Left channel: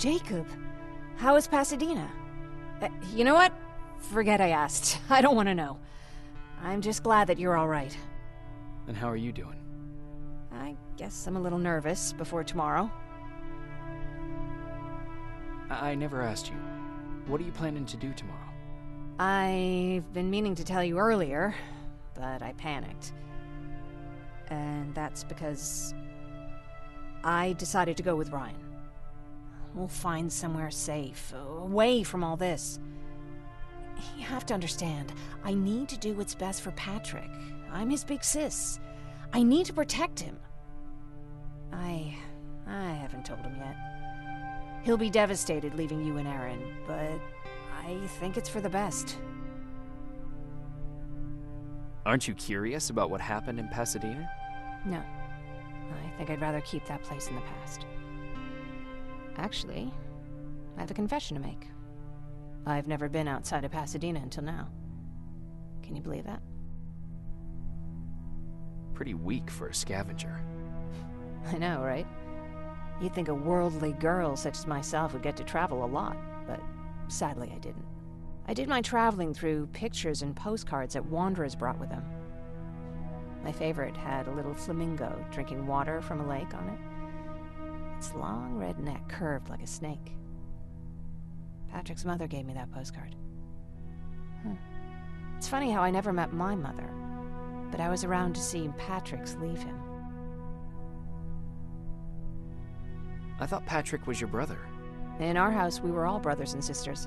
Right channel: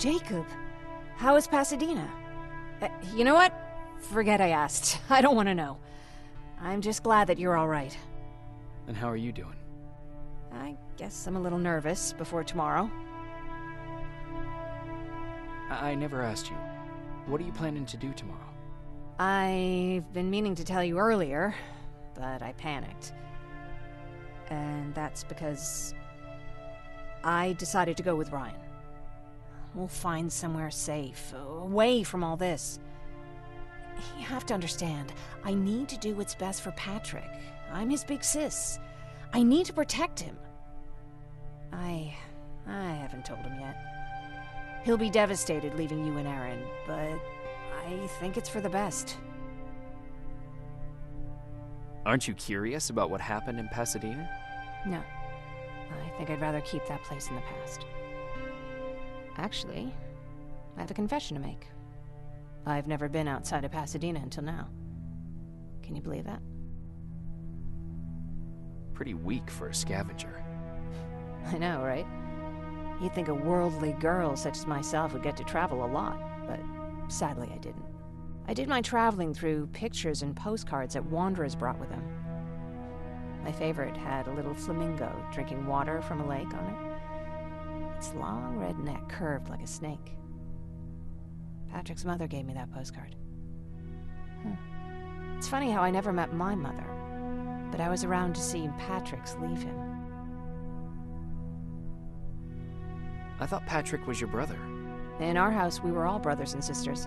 Jacob, how is Pasadena? You know what? Forget I asked. I don't want to know. I'm just glad that you're all right. And how are you doing? I guess I'm a little nervous before tomorrow. I never asked you. What are you planning to do tomorrow? I've been meaning to tell you earlier, but I panicked. And that's because I decided to go with Ryan. We'll find somewhere safe, away from all this. You have to understand, I need to do what's best for Patrick. I'm his big sis. I need to protect him. I haven't told him yet. He'll be devastated leaving you and Aaron, but I think it's for the best. Aren't you curious about what happened in Pasadena? No. I think I'd rather keep that place in the past. Actually, I have a confession to make. I've never been outside of Pasadena until now. Can you believe that? Pretty weak for a scavenger. I know, right? You'd think a worldly girl such as myself would get to travel a lot, but sadly I didn't. I did my traveling through pictures and postcards that wanderers brought with them. My favorite had a little flamingo drinking water from a lake on it. Its long red neck curved like a snake. Patrick's mother gave me that postcard. It's funny how I never met my mother, but I was around to see Patrick's leave him. I thought Patrick was your brother. In our house, we were all brothers and sisters.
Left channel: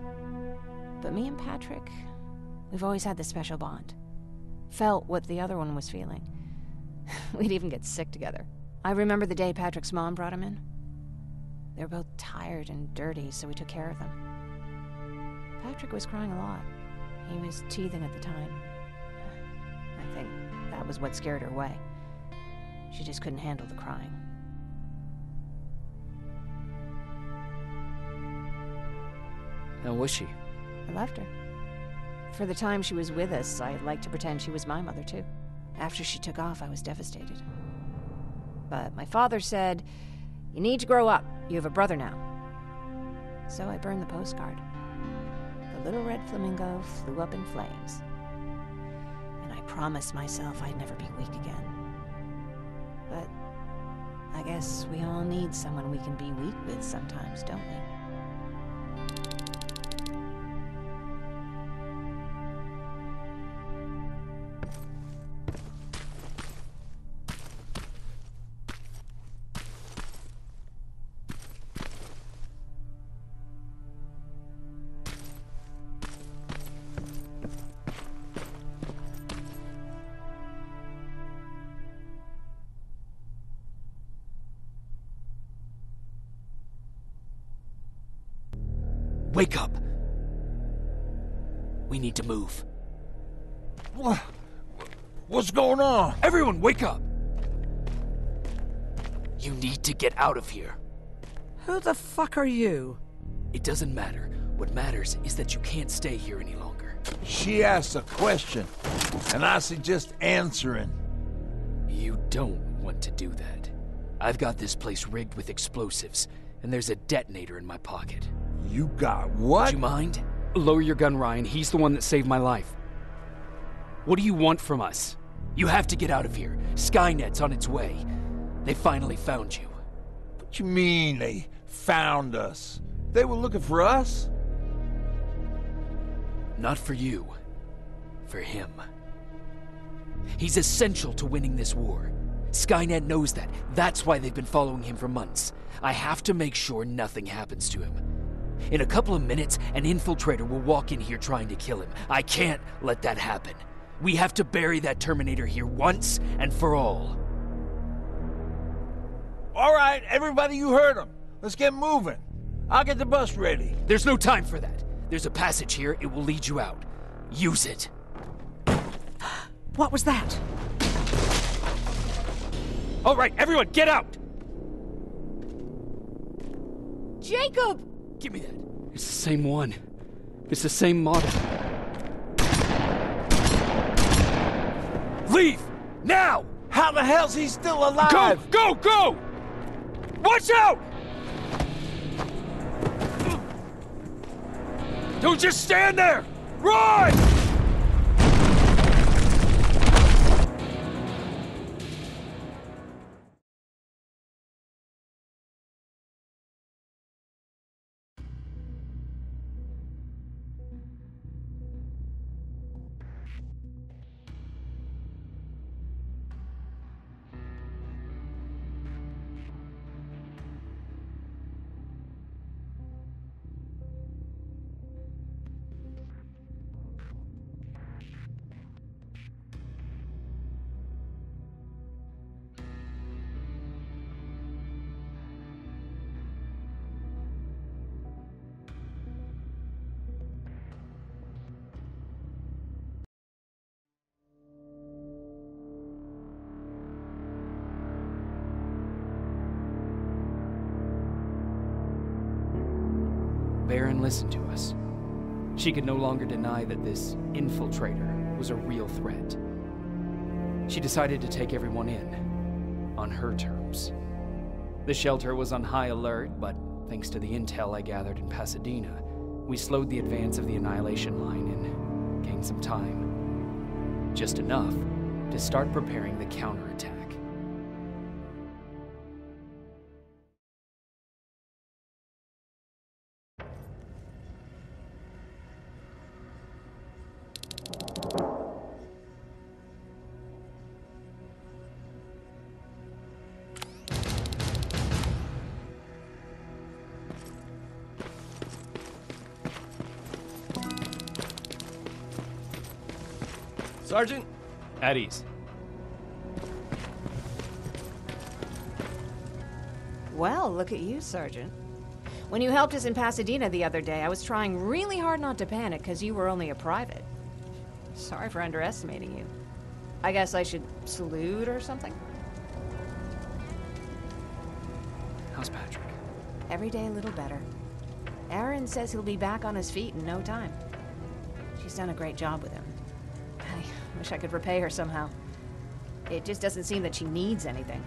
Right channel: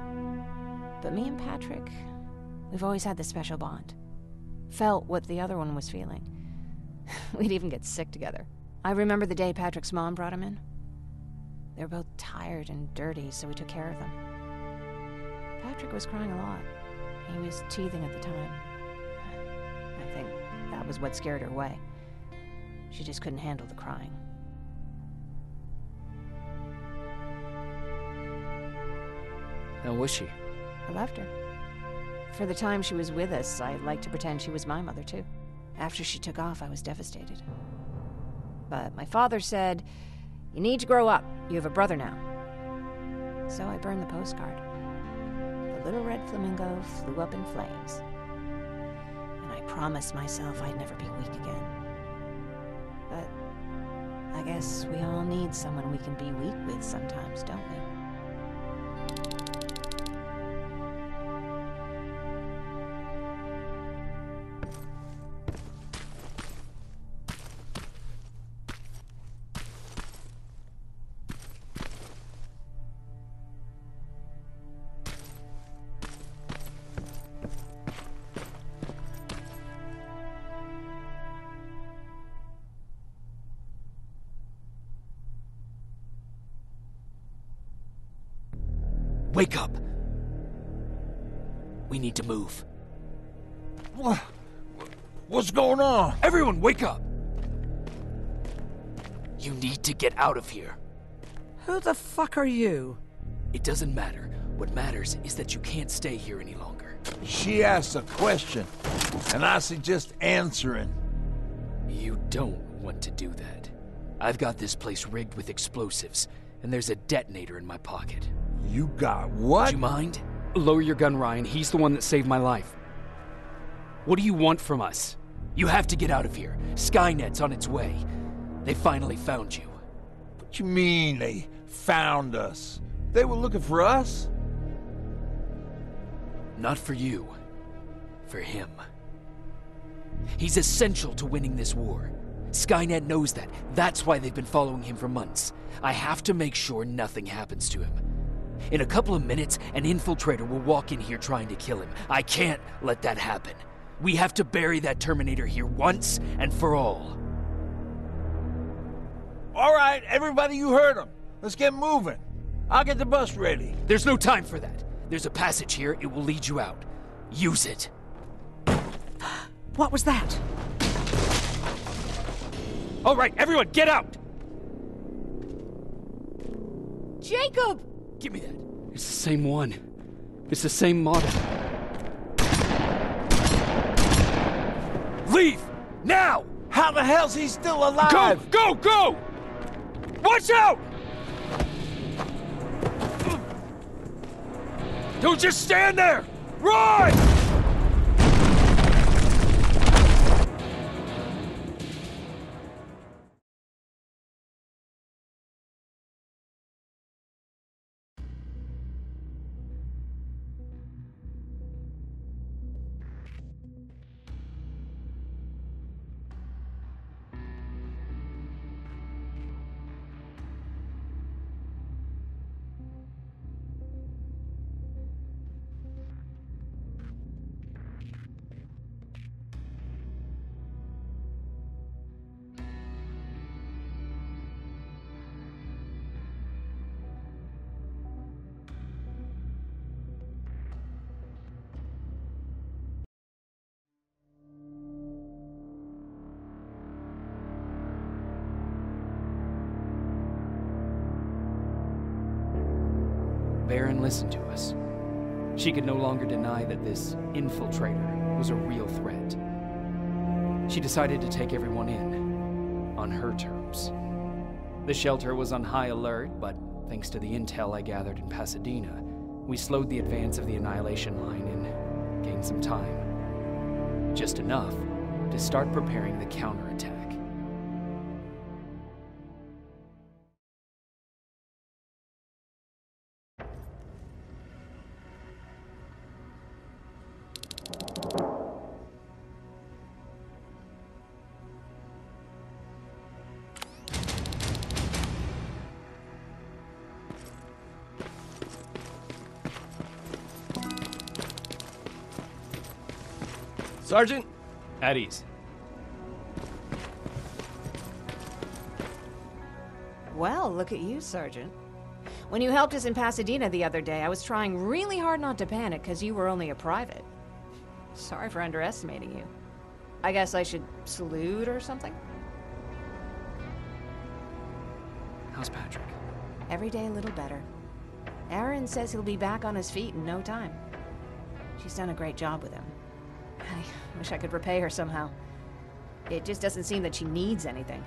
But me and Patrick, we've always had this special bond. Felt what the other one was feeling. We'd even get sick together. I remember the day Patrick's mom brought him in. They were both tired and dirty, so we took care of them. Patrick was crying a lot. He was teething at the time. I think that was what scared her away. She just couldn't handle the crying. How was she? I loved her. For the time she was with us, I liked to pretend she was my mother, too. After she took off, I was devastated. But my father said, "You need to grow up. You have a brother now." So I burned the postcard. The little red flamingo flew up in flames. And I promised myself I'd never be weak again. But I guess we all need someone we can be weak with sometimes, don't we? Wake up! We need to move. What's going on? Everyone, wake up! You need to get out of here. Who the fuck are you? It doesn't matter. What matters is that you can't stay here any longer. She asked a question, and I suggest answering. You don't want to do that. I've got this place rigged with explosives, and there's a detonator in my pocket. You got what? Do you mind? Lower your gun, Ryan. He's the one that saved my life. What do you want from us? You have to get out of here. Skynet's on its way. They finally found you. What you mean they found us? They were looking for us? Not for you. For him. He's essential to winning this war. Skynet knows that. That's why they've been following him for months. I have to make sure nothing happens to him. In a couple of minutes, an infiltrator will walk in here trying to kill him. I can't let that happen. We have to bury that Terminator here once and for all. All right, everybody, you heard him. Let's get moving. I'll get the bus ready. There's no time for that. There's a passage here. It will lead you out. Use it. What was that? All right, everyone, get out! Jacob! Give me that. It's the same one. It's the same model. Leave! Now! How the hell's he still alive? Go! Go! Go! Watch out! Don't just stand there! Run! Baron listened to us. She could no longer deny that this infiltrator was a real threat. She decided to take everyone in, on her terms. The shelter was on high alert, but thanks to the intel I gathered in Pasadena, we slowed the advance of the Annihilation Line and gained some time. Just enough to start preparing the counterattack. Sergeant? At ease. Well, look at you, Sergeant. When you helped us in Pasadena the other day, I was trying really hard not to panic because you were only a private. Sorry for underestimating you. I guess I should salute or something? How's Patrick? Every day a little better. Aaron says he'll be back on his feet in no time. She's done a great job with him. I wish I could repay her somehow. It just doesn't seem that she needs anything.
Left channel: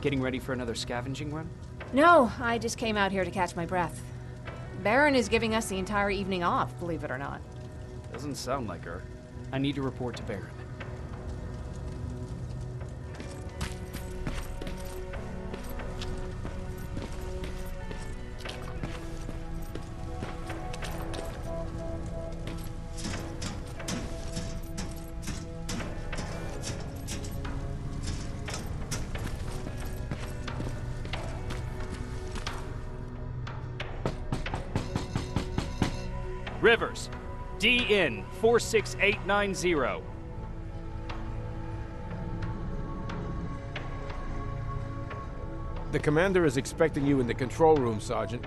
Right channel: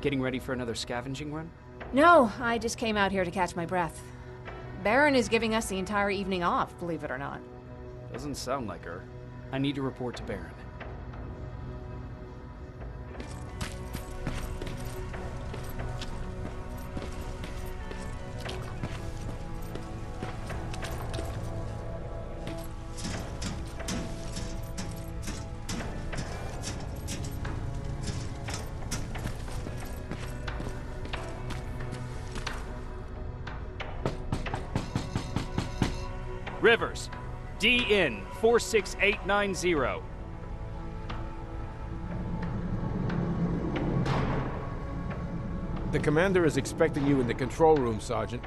Getting ready for another scavenging run? No, I just came out here to catch my breath. Baron is giving us the entire evening off, believe it or not. Doesn't sound like her. I need to report to Baron. Rivers, DN 46890. The commander is expecting you in the control room, Sergeant.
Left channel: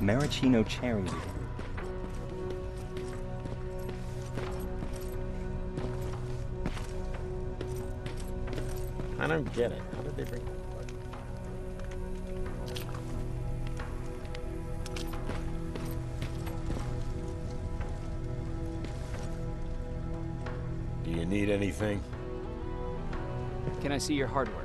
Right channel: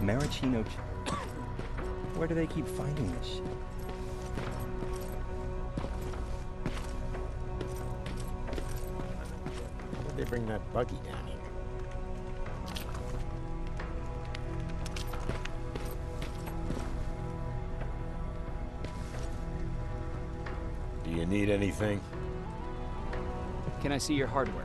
Maraschino cherry. Where do they keep finding this shit? I don't get it. How did they bring that buggy down here? Do you need anything? Can I see your hardware?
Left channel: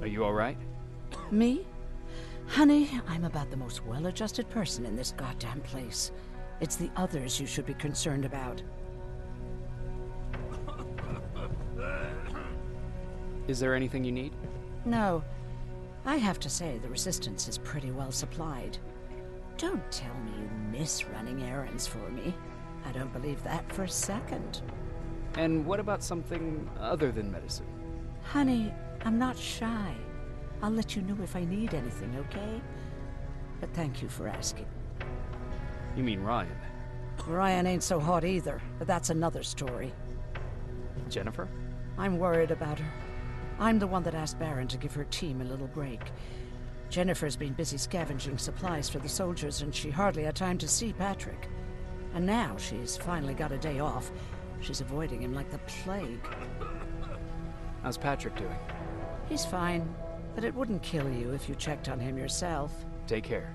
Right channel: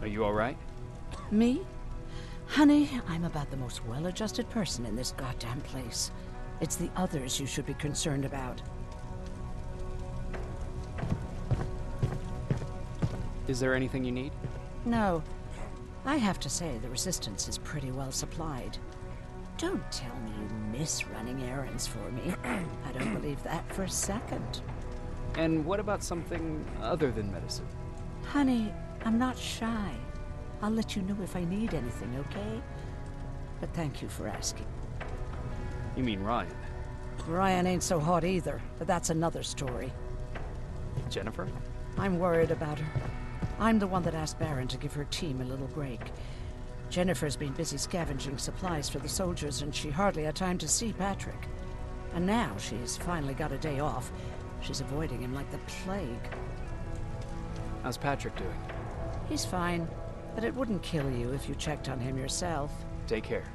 Are you alright? Me? Honey, I'm about the most well-adjusted person in this goddamn place. It's the others you should be concerned about. Is there anything you need? No. I have to say the Resistance is pretty well supplied. Don't tell me you miss running errands for me. I don't believe that for a second. And what about something other than medicine? Honey, I'm not shy. I'll let you know if I need anything, okay? But thank you for asking. You mean Ryan? Ryan ain't so hot either, but that's another story. Jennifer? I'm worried about her. I'm the one that asked Baron to give her team a little break. Jennifer's been busy scavenging supplies for the soldiers, and she hardly had time to see Patrick. And now she's finally got a day off. She's avoiding him like the plague. How's Patrick doing? He's fine, but it wouldn't kill you if you checked on him yourself. Take care.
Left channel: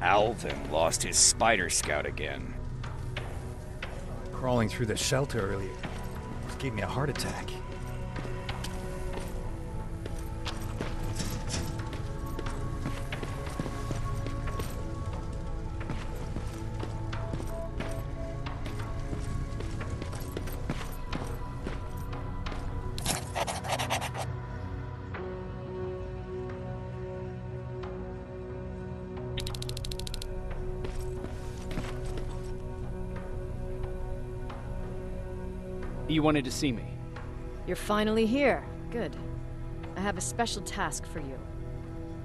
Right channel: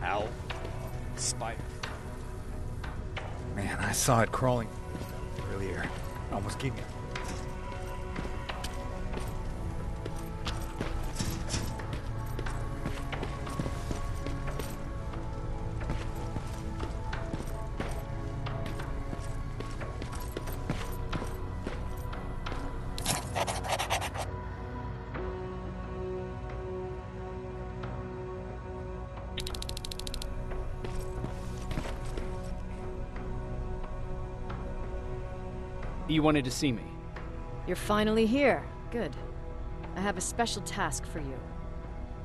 Alvin lost his spider scout again. Man, I saw it crawling through the shelter earlier. Almost gave me a heart attack. You wanted to see me? You're finally here. Good. I have a special task for you.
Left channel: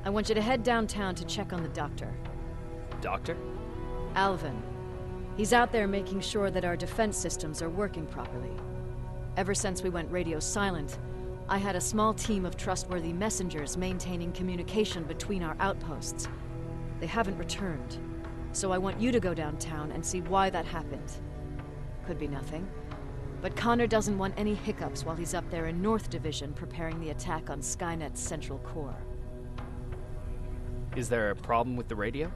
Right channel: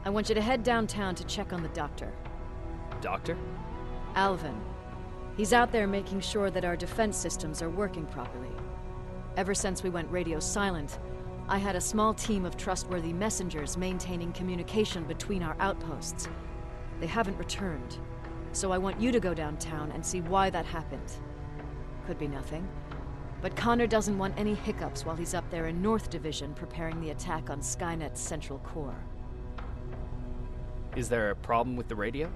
I want you to head downtown to check on the doctor. Doctor? Alvin. He's out there making sure that our defense systems are working properly. Ever since we went radio silent, I had a small team of trustworthy messengers maintaining communication between our outposts. They haven't returned, so I want you to go downtown and see why that happened. Could be nothing. But Connor doesn't want any hiccups while he's up there in North Division preparing the attack on Skynet's central core. Is there a problem with the radio?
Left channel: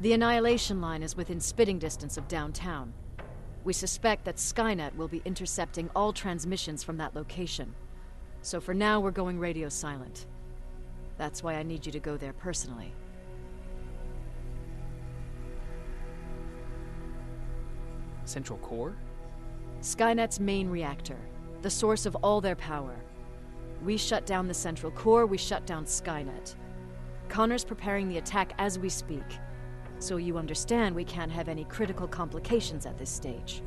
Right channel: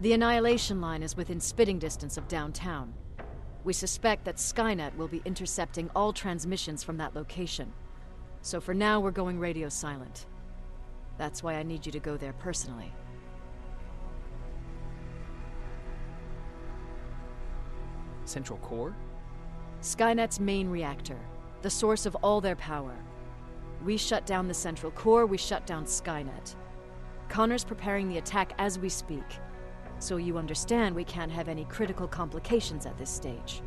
The Annihilation Line is within spitting distance of downtown. We suspect that Skynet will be intercepting all transmissions from that location. So for now, we're going radio silent. That's why I need you to go there personally. Central core? Skynet's main reactor, the source of all their power. We shut down the central core, we shut down Skynet. Connor's preparing the attack as we speak, so you understand we can't have any critical complications at this stage.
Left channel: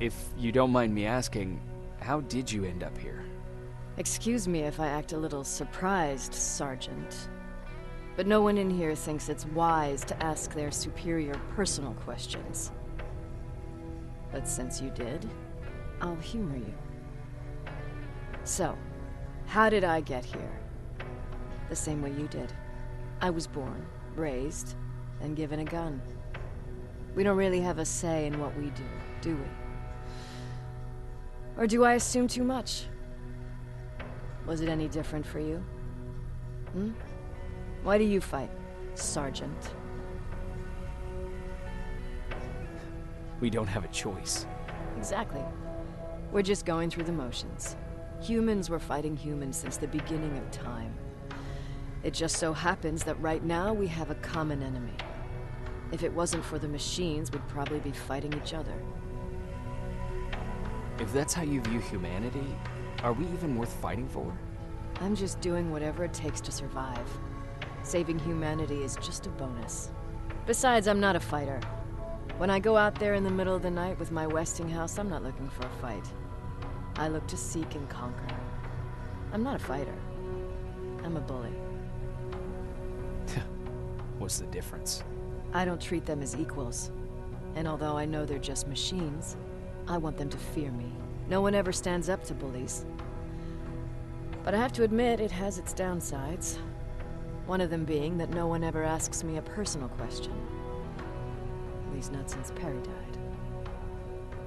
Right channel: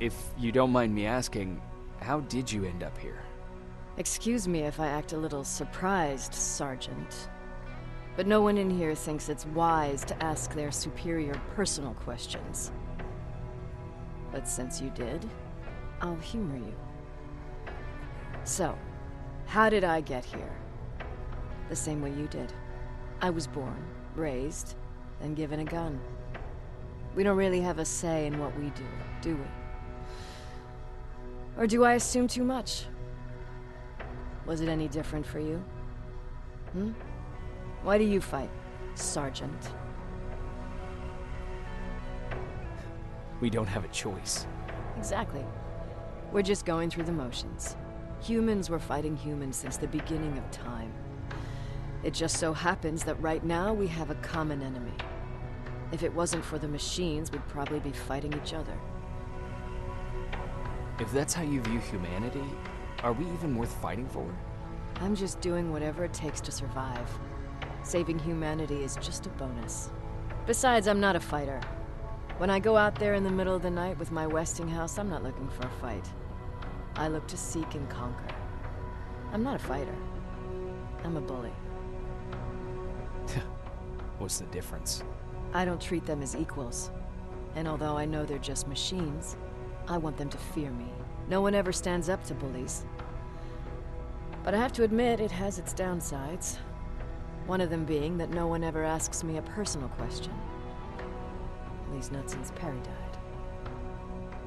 If you don't mind me asking, how did you end up here? Excuse me if I act a little surprised, Sergeant. But no one in here thinks it's wise to ask their superior personal questions. But since you did, I'll humor you. So, how did I get here? The same way you did. I was born, raised, and given a gun. We don't really have a say in what we do we? Or do I assume too much? Was it any different for you? Why do you fight, Sergeant? We don't have a choice. Exactly. We're just going through the motions. Humans were fighting humans since the beginning of time. It just so happens that right now we have a common enemy. If it wasn't for the machines, we'd probably be fighting each other. If that's how you view humanity, are we even worth fighting for? I'm just doing whatever it takes to survive. Saving humanity is just a bonus. Besides, I'm not a fighter. When I go out there in the middle of the night with my Westinghouse, I'm not looking for a fight. I look to seek and conquer. I'm not a fighter. I'm a bully. What's the difference? I don't treat them as equals. And although I know they're just machines, I want them to fear me. No one ever stands up to bullies. But I have to admit, it has its downsides. One of them being that no one ever asks me a personal question. At least not since Perry died.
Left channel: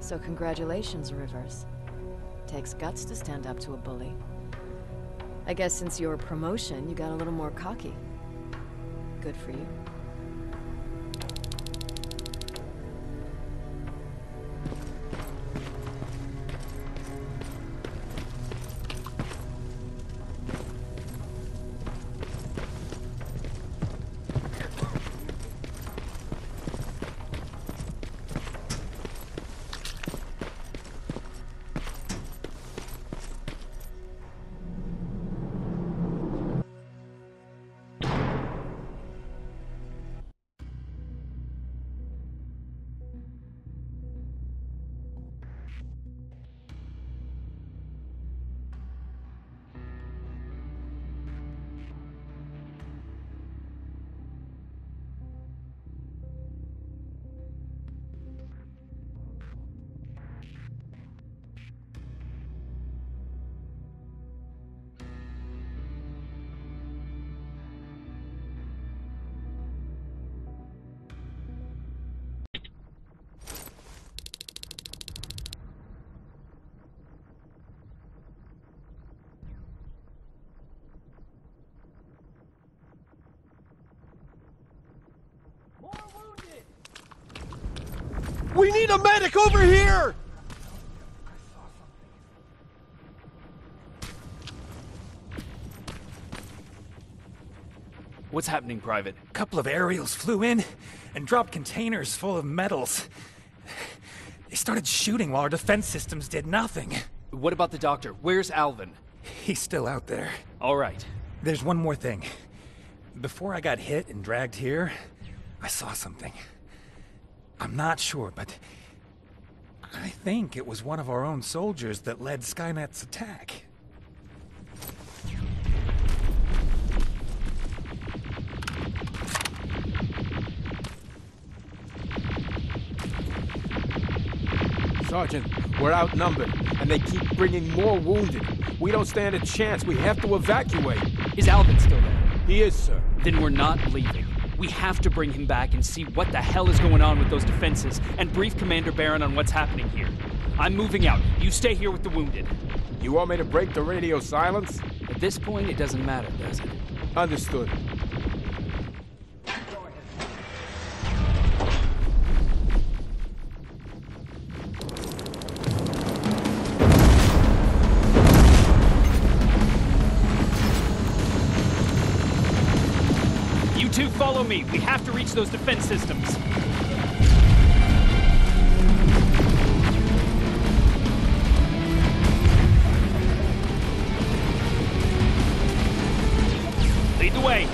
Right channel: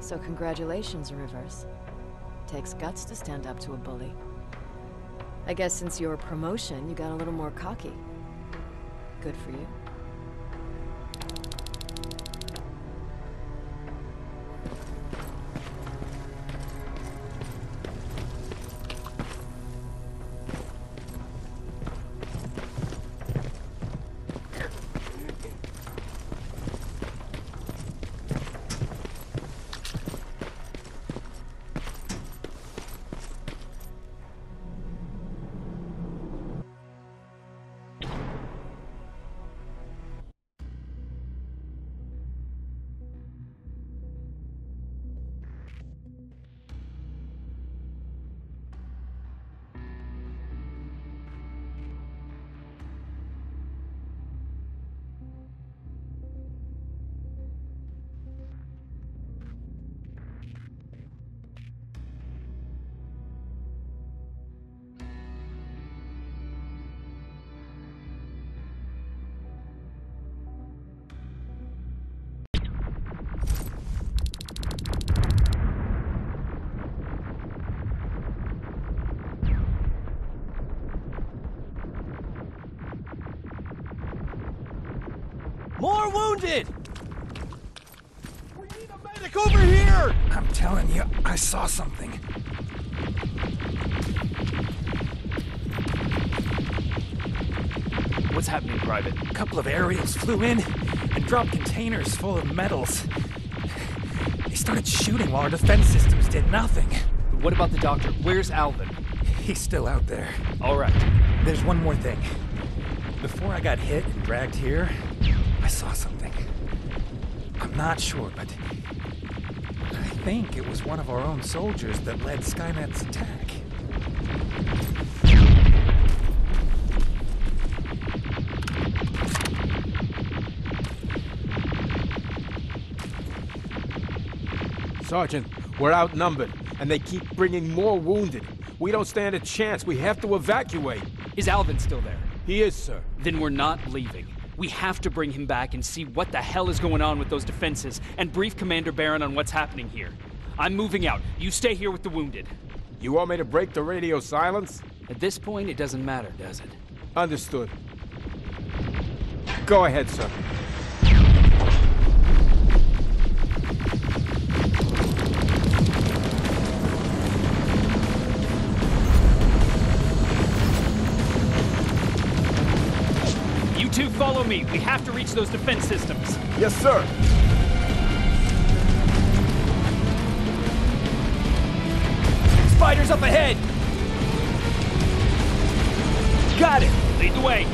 So congratulations, Rivers. Takes guts to stand up to a bully. I guess since your promotion, you got a little more cocky. Good for you. We need a medic over here! I'm telling you, I saw something. What's happening, Private? A couple of aerials flew in and dropped containers full of metals. They started shooting while our defense systems did nothing. What about the doctor? Where's Alvin? He's still out there. All right. There's one more thing. Before I got hit and dragged here, I saw something. I'm not sure, but I think it was one of our own soldiers that led Skynet's attack. Sergeant, we're outnumbered, and they keep bringing more wounded. We don't stand a chance. We have to evacuate. Is Alvin still there? He is, sir. Then we're not leaving. We have to bring him back and see what the hell is going on with those defenses, and brief Commander Barron on what's happening here. I'm moving out. You stay here with the wounded. You want me to break the radio silence? At this point, it doesn't matter, does it? Understood. Go ahead, sir. You two follow me. We have to reach those defense systems. Yes, sir. Spiders up ahead! Got it! Lead the way!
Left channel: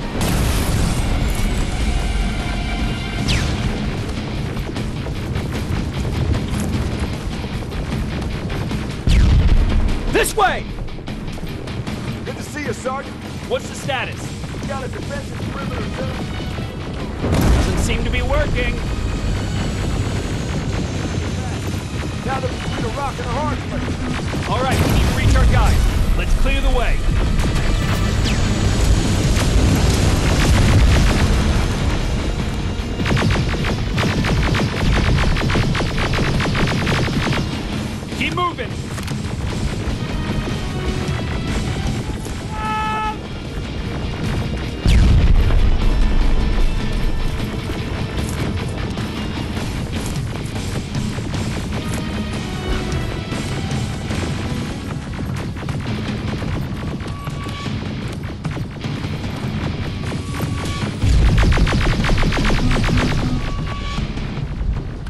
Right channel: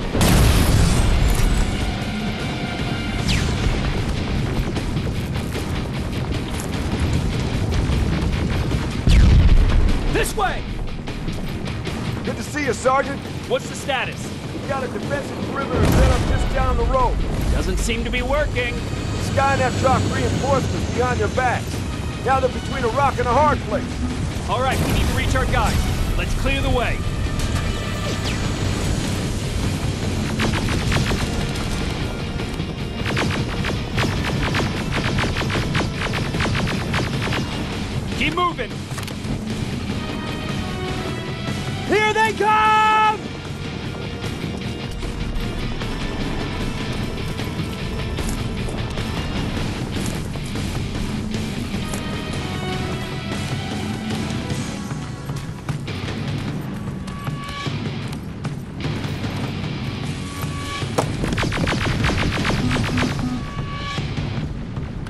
This way! Good to see you, Sergeant. What's the status? We got a defensive perimeter set up just down the road. Doesn't seem to be working. Skynet dropped reinforcements behind their backs. Now they're between a rock and a hard place. All right, we need to reach our guys. Let's clear the way. Keep moving. Here they come!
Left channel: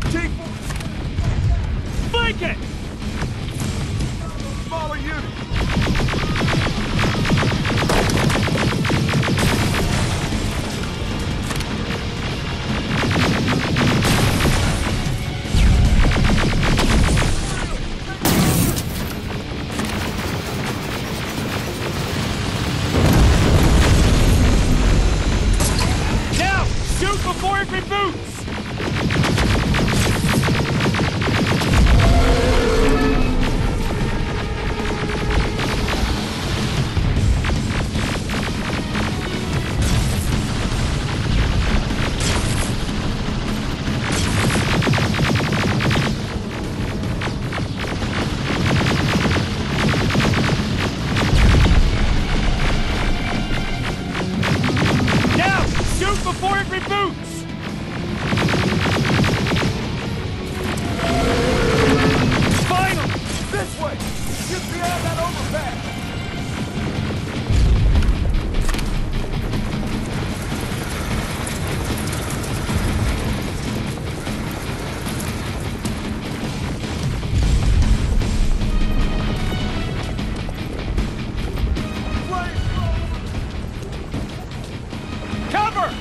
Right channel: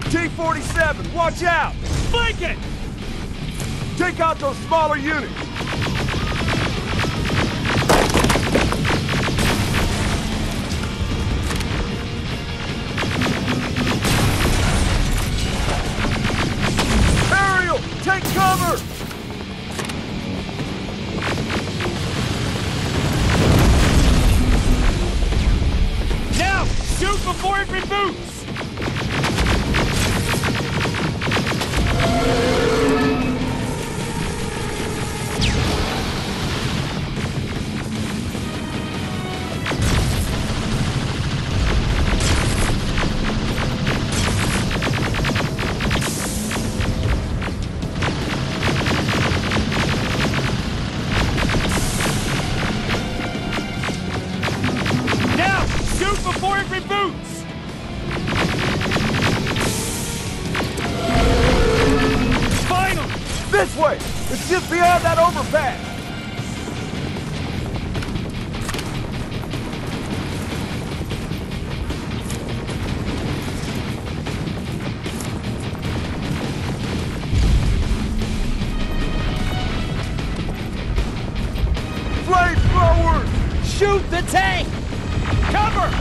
T-47, watch out! Flank it! Take out those smaller units! Ariel, take cover! Now, shoot before it reboots! Before it reboots! Finally! This way! It's just beyond that overpass! Flamethrowers! Shoot the tank! Cover!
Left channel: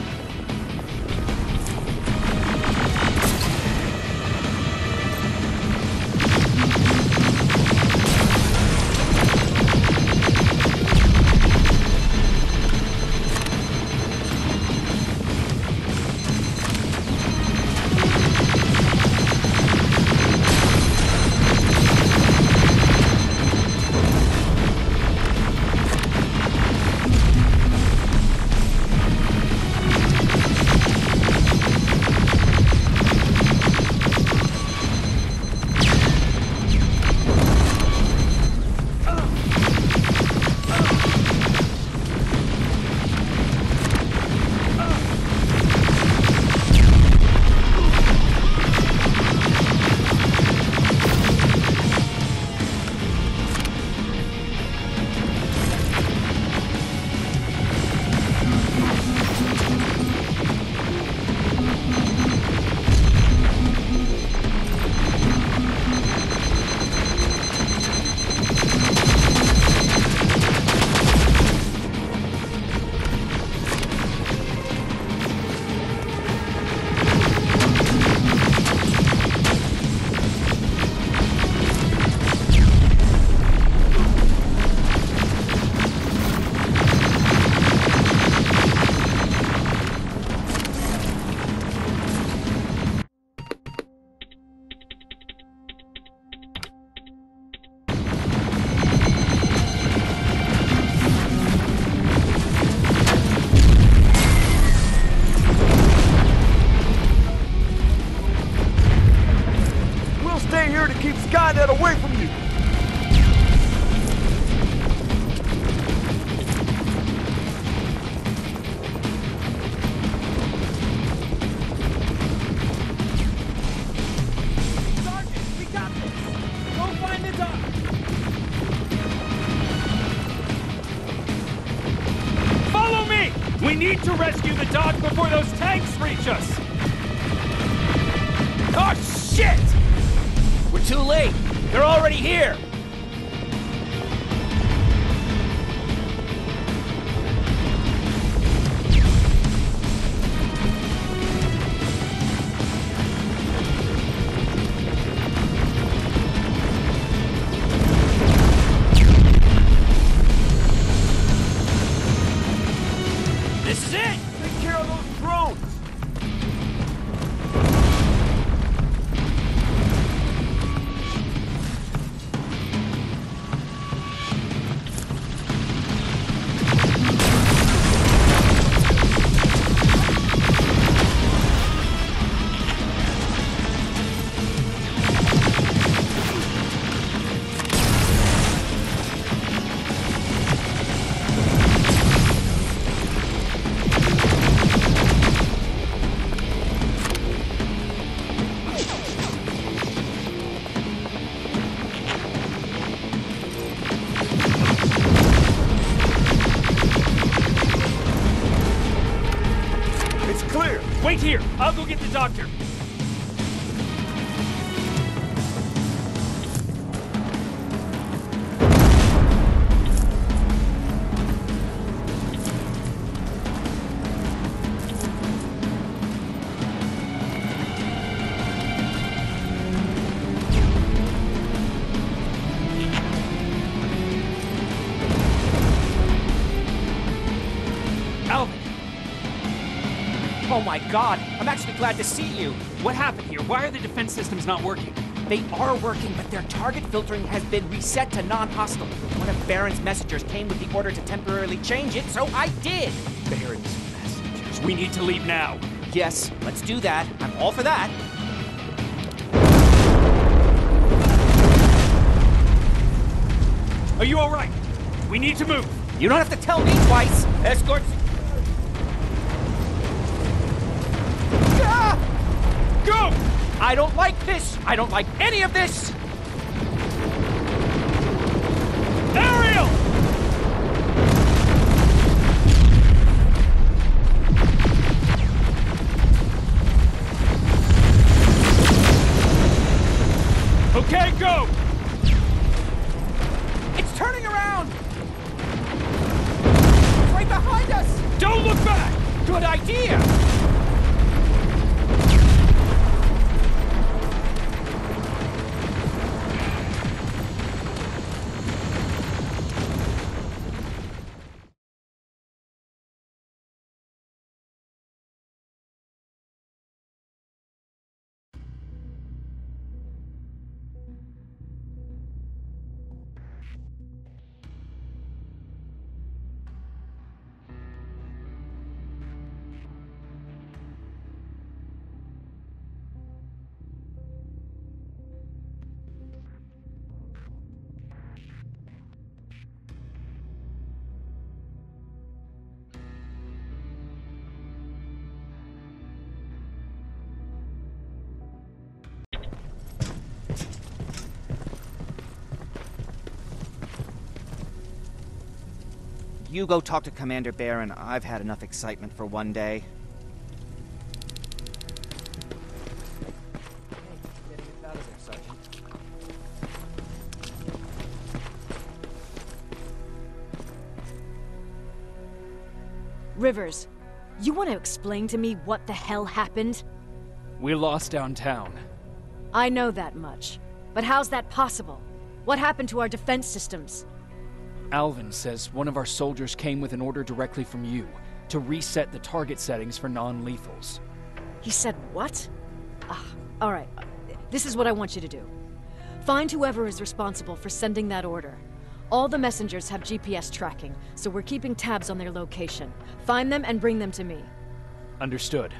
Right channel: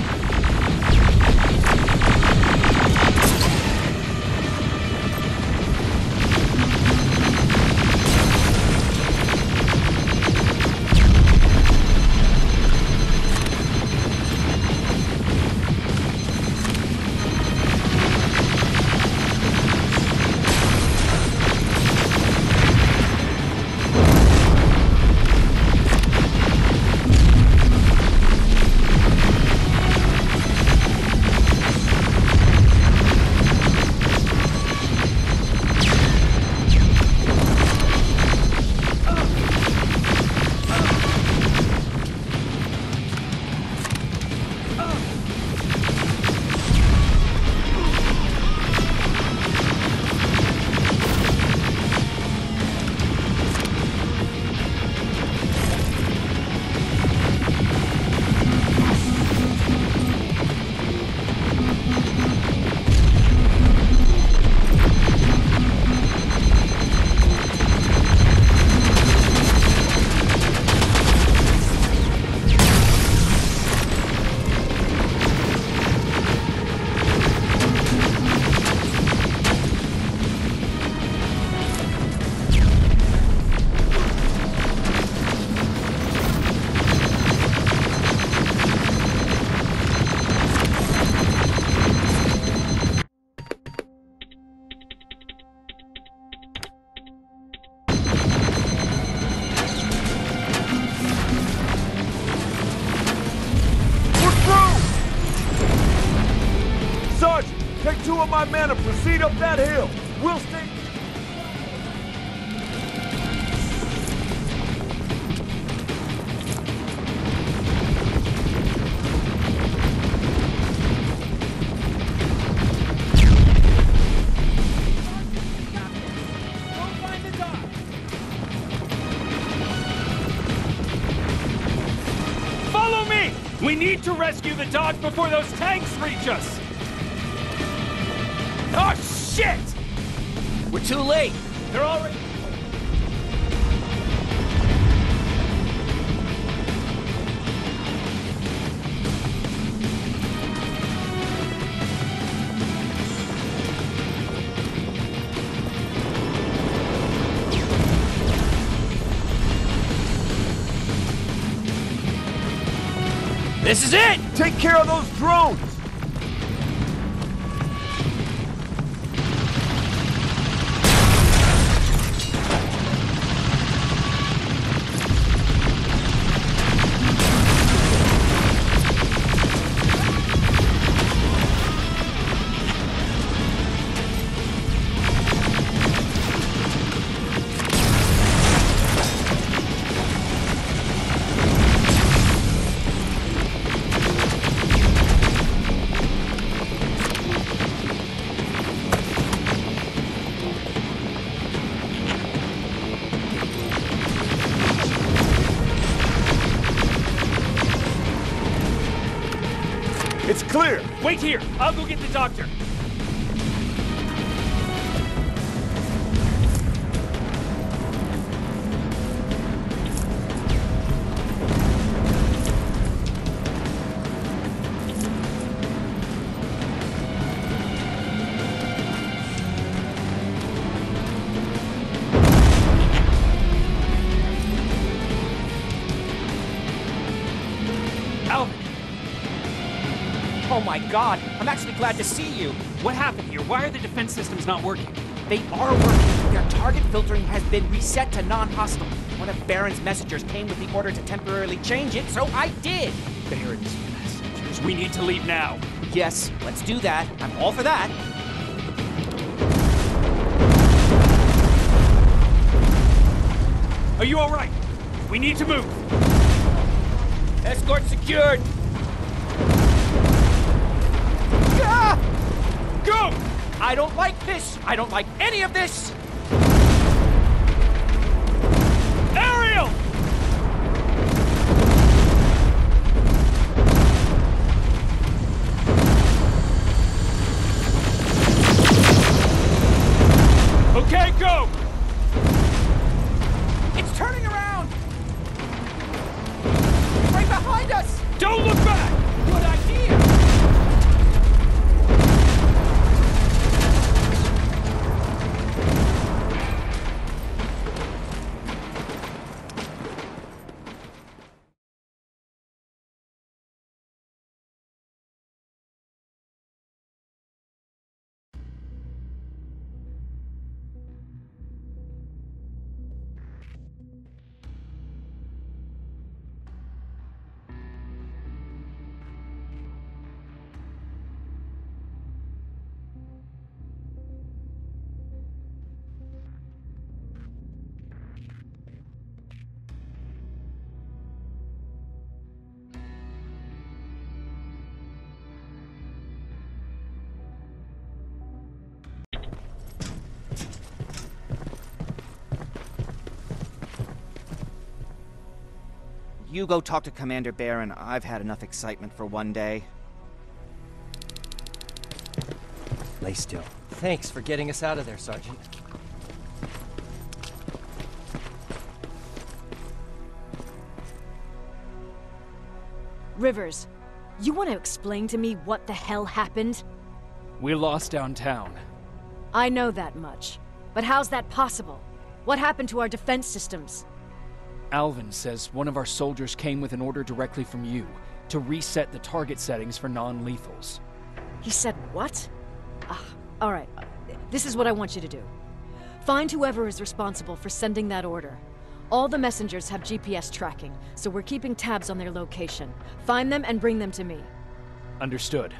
away from you! Sergeant, we got this! Go find the dock! Follow me! We need to rescue the dock before those tanks reach us! Oh, shit! We're too late! They're already here! This is it! Take care of those drones! It's clear! Wait here! I'll go get the doctor! Alvin! Oh my god, I'm actually glad to see you. What happened here? Why are the defense systems not working? They are working, but their target filtering has been reset to non-hostile. One of Baron's messengers came with the order to temporarily change it, so I did. Baron's messengers. We need to leave now. Yes, let's do that. I'm all for that. Are you all right? We need to move. You don't have to tell me twice. Escort secured. Ah! Go! I don't like this. I don't like any of this. Ariel! Okay, go! It's turning around. It's right behind us. Don't look back! Good idea. You go talk to Commander Baron. I've had enough excitement for one day. Lay still. Thanks for getting us out of there, Sergeant. Rivers, you want to explain to me what the hell happened? We lost downtown. I know that much. But how's that possible? What happened to our defense systems? Alvin says one of our soldiers came with an order directly from you to reset the target settings for non-lethals. He said what? All right. This is what I want you to do. Find whoever is responsible for sending that order. All the messengers have GPS tracking, so we're keeping tabs on their location. Find them and bring them to me. Understood.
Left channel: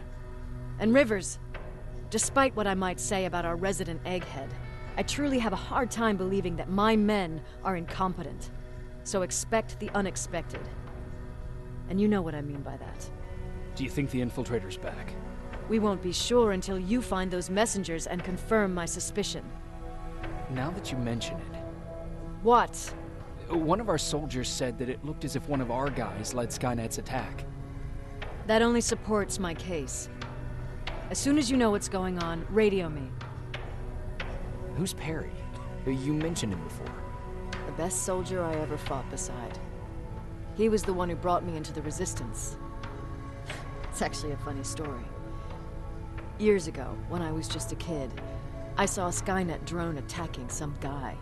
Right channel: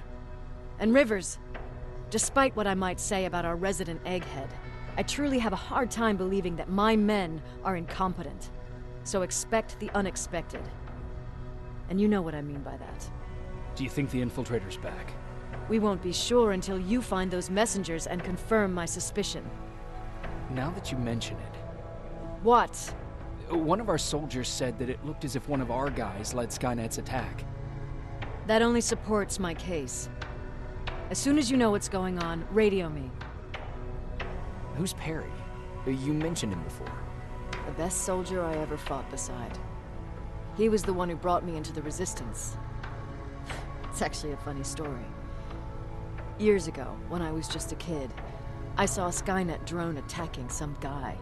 And Rivers, despite what I might say about our resident egghead, I truly have a hard time believing that my men are incompetent. So expect the unexpected. And you know what I mean by that. Do you think the infiltrator's back? We won't be sure until you find those messengers and confirm my suspicion. Now that you mention it... What? One of our soldiers said that it looked as if one of our guys led Skynet's attack. That only supports my case. As soon as you know what's going on, radio me. Who's Perry? You mentioned him before. The best soldier I ever fought beside. He was the one who brought me into the Resistance. It's actually a funny story. Years ago, when I was just a kid, I saw a Skynet drone attacking some guy.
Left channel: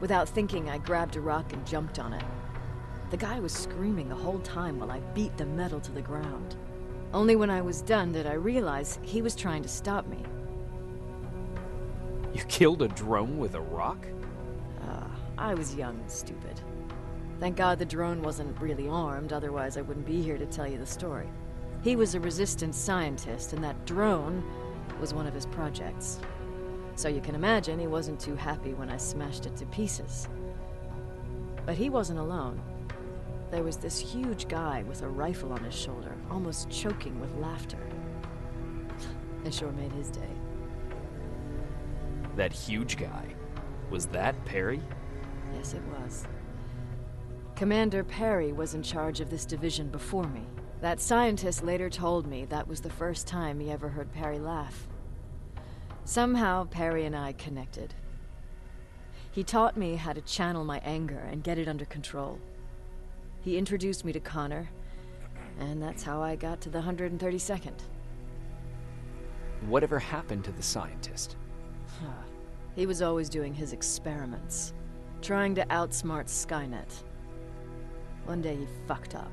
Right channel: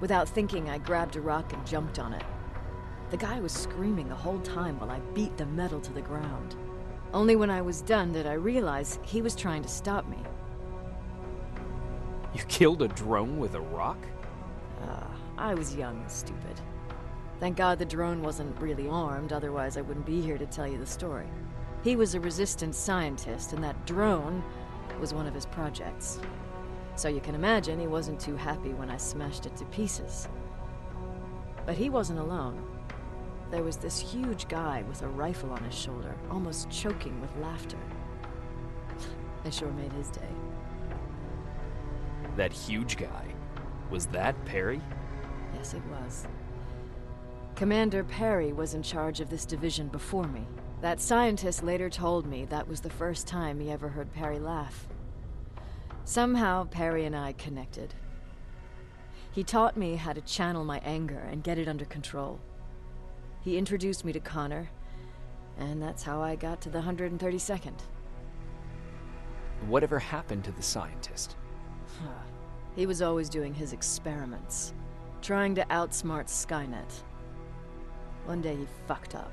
Without thinking, I grabbed a rock and jumped on it. The guy was screaming the whole time while I beat the metal to the ground. Only when I was done did I realize he was trying to stop me. You killed a drone with a rock? I was young and stupid. Thank God the drone wasn't really armed, otherwise I wouldn't be here to tell you the story. He was a resistance scientist, and that drone was one of his projects. So you can imagine he wasn't too happy when I smashed it to pieces. But he wasn't alone. There was this huge guy with a rifle on his shoulder, almost choking with laughter. I sure made his day. That huge guy. Was that Perry? Yes, it was. Commander Perry was in charge of this division before me. That scientist later told me that was the first time he ever heard Perry laugh. Somehow, Perry and I connected. He taught me how to channel my anger and get it under control. He introduced me to Connor, and that's how I got to the 132nd. Whatever happened to the scientist? He was always doing his experiments, trying to outsmart Skynet. One day he fucked up,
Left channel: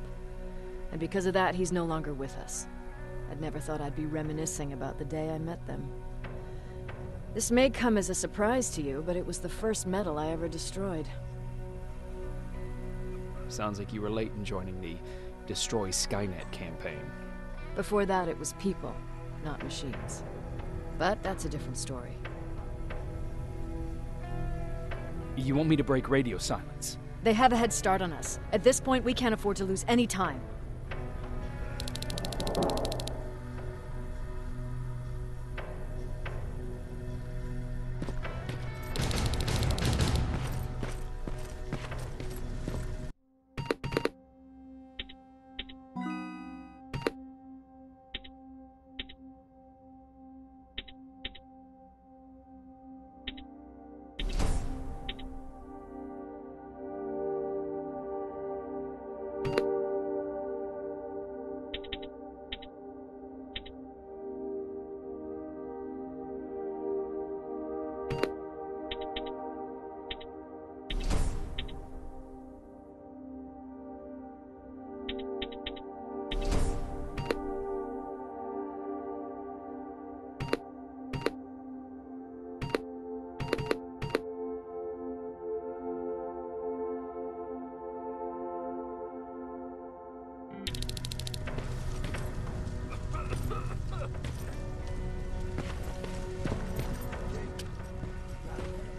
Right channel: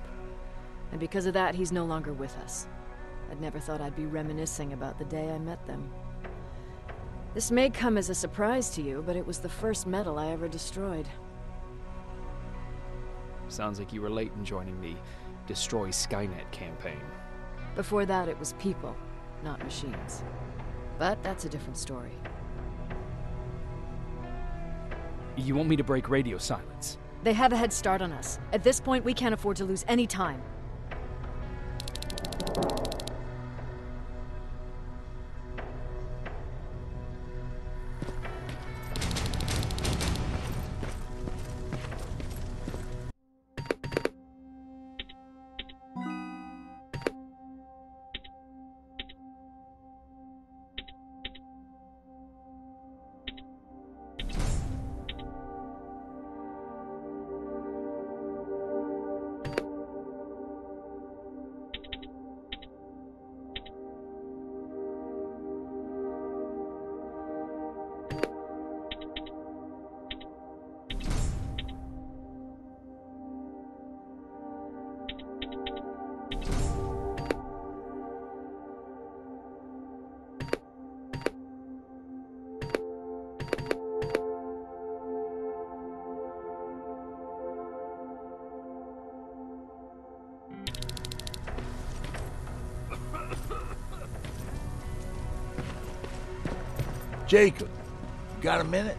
and because of that, he's no longer with us. I'd never thought I'd be reminiscing about the day I met them. This may come as a surprise to you, but it was the first metal I ever destroyed. Sounds like you were late in joining the Destroy Skynet campaign. Before that, it was people, not machines. But that's a different story. You want me to break radio silence? They have a head start on us. At this point, we can't afford to lose any time. Jacob, you got a minute?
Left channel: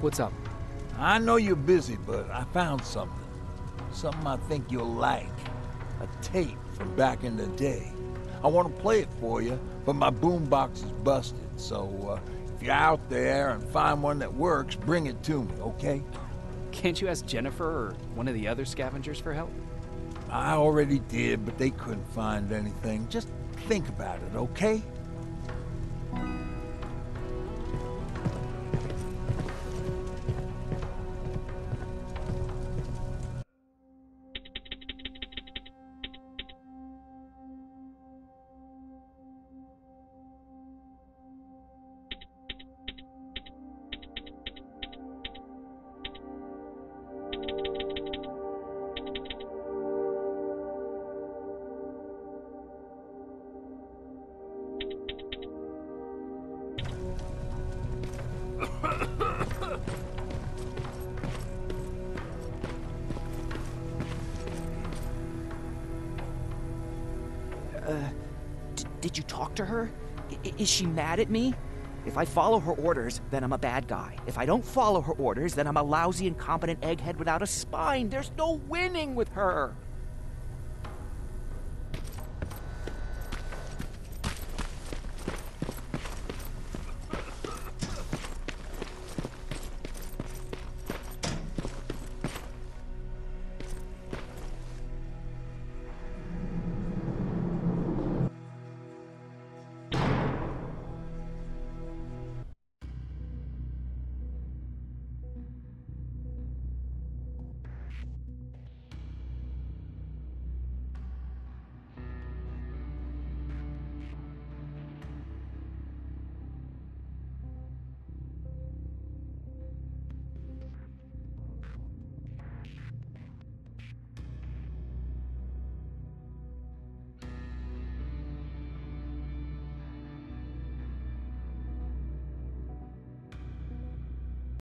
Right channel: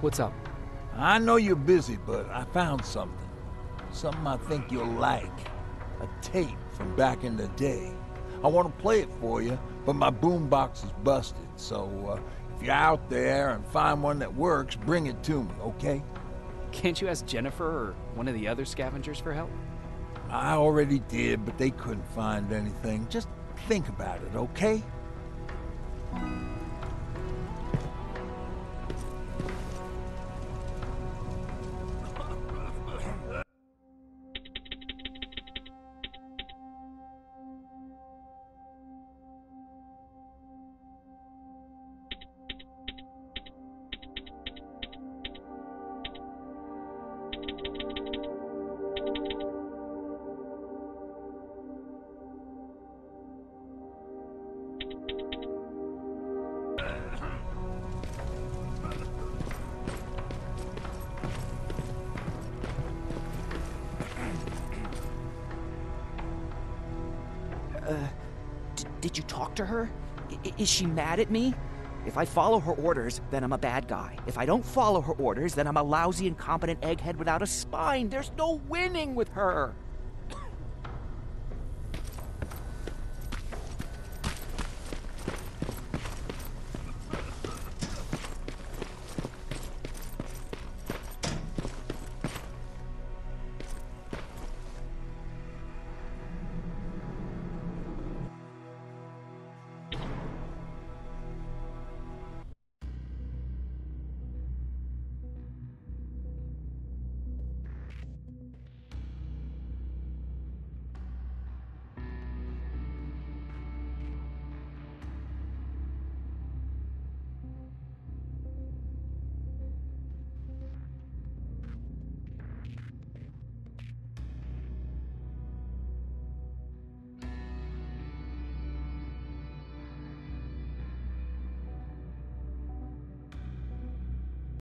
What's up? I know you're busy, but I found something. Something I think you'll like. A tape from back in the day. I want to play it for you, but my boombox is busted, so if you're out there and find one that works, bring it to me, okay? Can't you ask Jennifer or one of the other scavengers for help? I already did, but they couldn't find anything. Just think about it, okay? Did you talk to her? Is she mad at me? If I follow her orders, then I'm a bad guy. If I don't follow her orders, then I'm a lousy, incompetent egghead without a spine. There's no winning with her.